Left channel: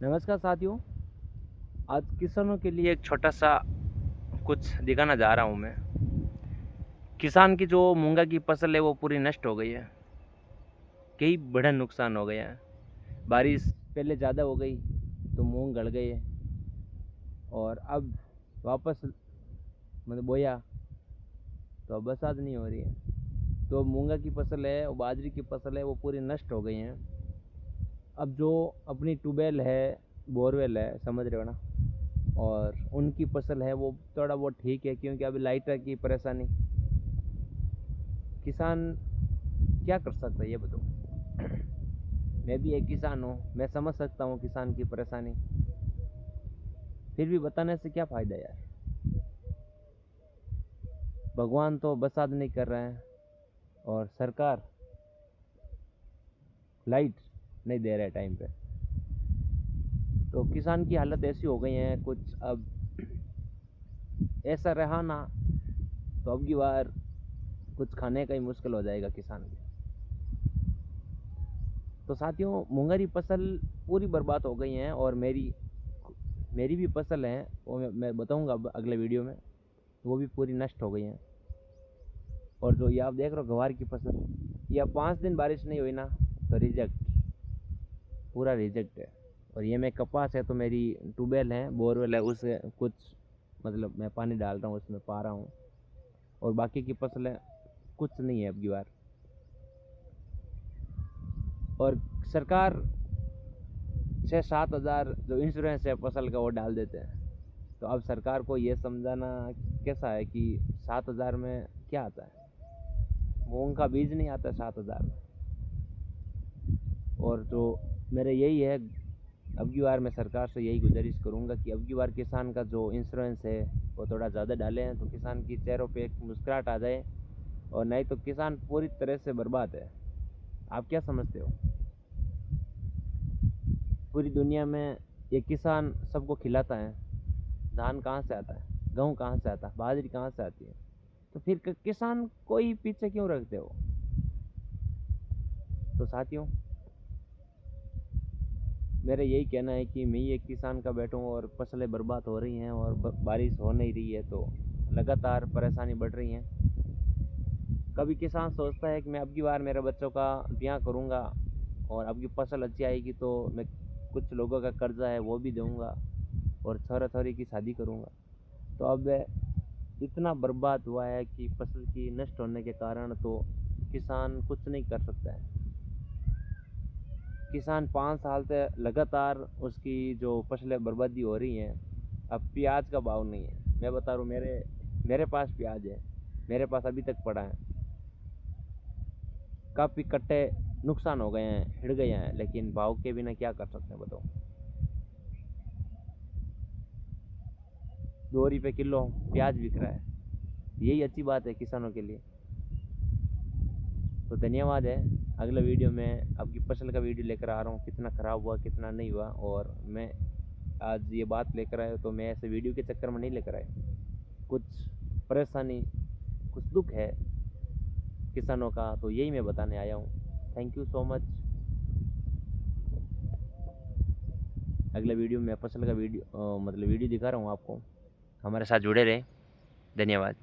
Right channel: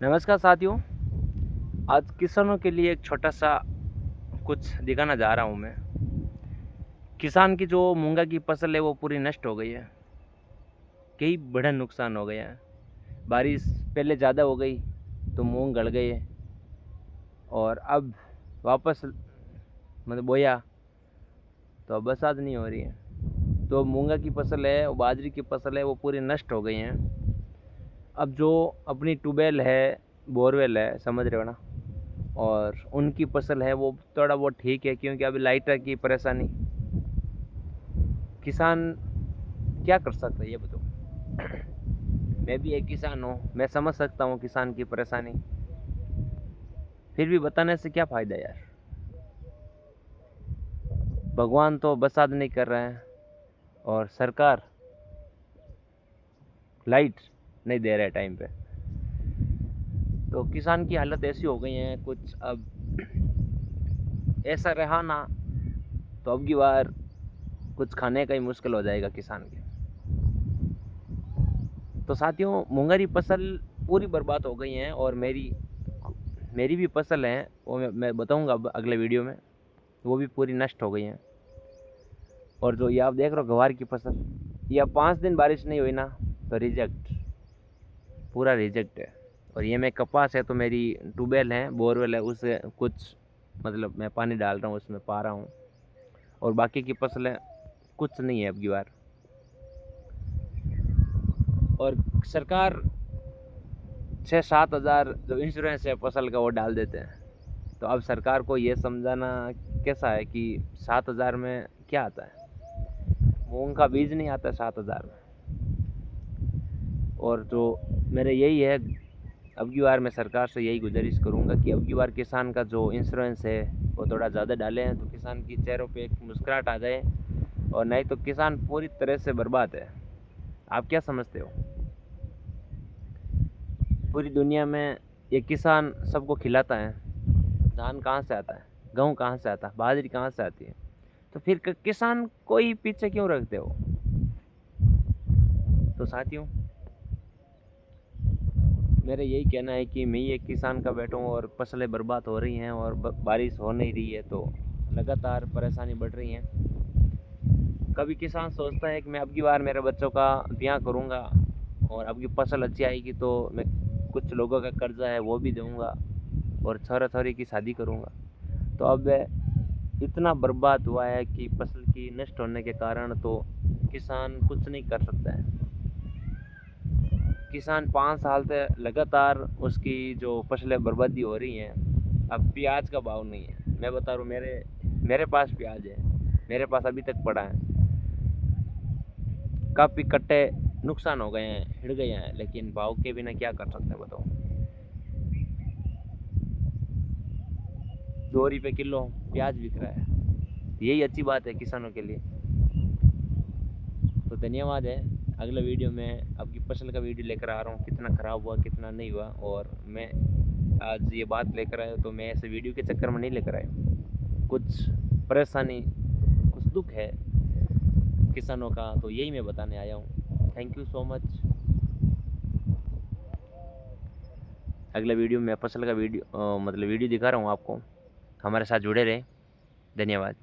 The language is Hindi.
नमस्कार साथियों। आज किसानों के लिए एक छोटा सा कुछ दिखाना जा रहा हूँ मैं। किसान की जो मूंगा की फसल है वो पूरी नष्ट हो गई है। कई बड़ा नुकसान हो गया है। बारिश पहले ज़्यादा हो गई तो मूंग गल गए और अब वापस मतलब बोया तो अब बरसात नहीं हो रही है। तो मूंगा की फसल है और बाजरी की फसल है वो पूरी नष्ट हो गई हैं। अब जो अपनी ट्यूबवेल है, बोरवेल है, समझ रहे हो ना, और उनकी फसल है वो थोड़ा बहुत ठीक है क्योंकि अभी लाइटर की परेशानी। किसान क्या कर सकता है ये बताओ। मैं भी एक किसान हूँ, मैं समझ सकता हूँ किसान की परेशानी। फिर भी बताने से क्या फ़ायदा यार। भगवान तो बरसात नहीं कर रहे हैं और सरकार लाइट नहीं दे रहा है टाइम पे। तो किसान की हालत ऐसी हो गई है कुछ। अब ऐसा रहा ना तो अब की बार कुछ खाने का ही मुश्किल हो जाएगा किसान के। तो साथियों, मूंगरी फसल पूरी बर्बाद हो गई हैं और मेरी मेरी भी फसल है वो मैं बताऊंगा अब अगले वीडियो में। वो भी पूरी नष्ट हो गई हैं। और जो ये आप देख रहे हो गवार की फसल, ये अब 5 दिन बारिश नहीं हुई ना तो रिजेक्ट, पूरा रिजेक्ट है। और ये मैं कपास है तो मेरी ट्यूबवेल है, बोरवेल है, उससे कुछ मतलब मैं पानी डाल रहा हूँ, उसमें पा रहा हूँ। और बाकी की फसलें कुछ नहीं है अब की बार। और सरकार 6-7 हज़ार जो इंश्योरेंस है फसल का वो डाल देते हैं। तो अब सरकार को ये समझाना कैसा है कि 7 हज़ार में क्या आता है। मूंग का बीज नहीं आता 7 हज़ार में। और जो मेरे यही है, अब की बार मैं सरकार से यही गुजारिश करूंगा कि अब की बार किसान का जो इंश्योरेंस है वो थोड़ा ज़्यादा डालें तो किसान की चेहरों पे एक मुस्कुराहट आ जाए। और नहीं तो किसान पूरी तरह से बर्बाद है। आप क्या समझते हो? पूरी दुनिया में ये किसान सबको खिलाता है। धान कहाँ से आता है, गेहूँ कहाँ से आता है, बाजरी कहाँ से आती है? तो फिर किसान को ही पीछे क्यों रखते हो? तो साथियों, मेरा यही कहना है कि मैं एक किसान का बेटा हूँ और फसलें बर्बाद हो रही हैं और बारिश हो नहीं रही है तो लगातार परेशानी बढ़ रही है। कभी किसान सोचता है कि मैं अब की बार मेरे बच्चों का ब्याह करूँगा और अब की फसल अच्छी आएगी तो मैं कुछ लोगों का कर्जा है वो भी दूंगा और छोरा छोरी की शादी करूँगा। तो अब इतना बर्बाद हुआ है कि फसल की नष्ट होने के कारण तो किसान कुछ नहीं कर सकता है। किसान 5 साल से लगातार उसकी जो फसलें बर्बादी हो रही हैं। अब प्याज का भाव नहीं है, मैं बता रहा हूँ, मेरे मेरे पास प्याज है, मेरे पास अभी तक पड़ा है। काफ़ी कट्टे नुकसान हो गए हैं, हिड़ गए हैं, लेकिन भाव के बिना क्या कर सकते हैं बताओ। 2 रुपये किलो प्याज बिक रहा है। यही अच्छी बात है किसानों के लिए। तो धन्यवाद है। अगले वीडियो में आपकी फसल का वीडियो लेकर आ रहा हूँ, कितना ख़राब हुआ कितना नहीं हुआ। और मैं आज ये बात लेकर आया तो मैं ऐसे वीडियो के चक्कर में नहीं लेकर आया। कुछ परेशानी, कुछ दुख है किसानों का, तो यही मैं बताने आया हूँ। Thank you so much. अगले वीडियो में फसल का वीडियो मतलब वीडियो दिखा रहा हूँ आपको। हमारे साथ जुड़े रहें। धन्यवाद।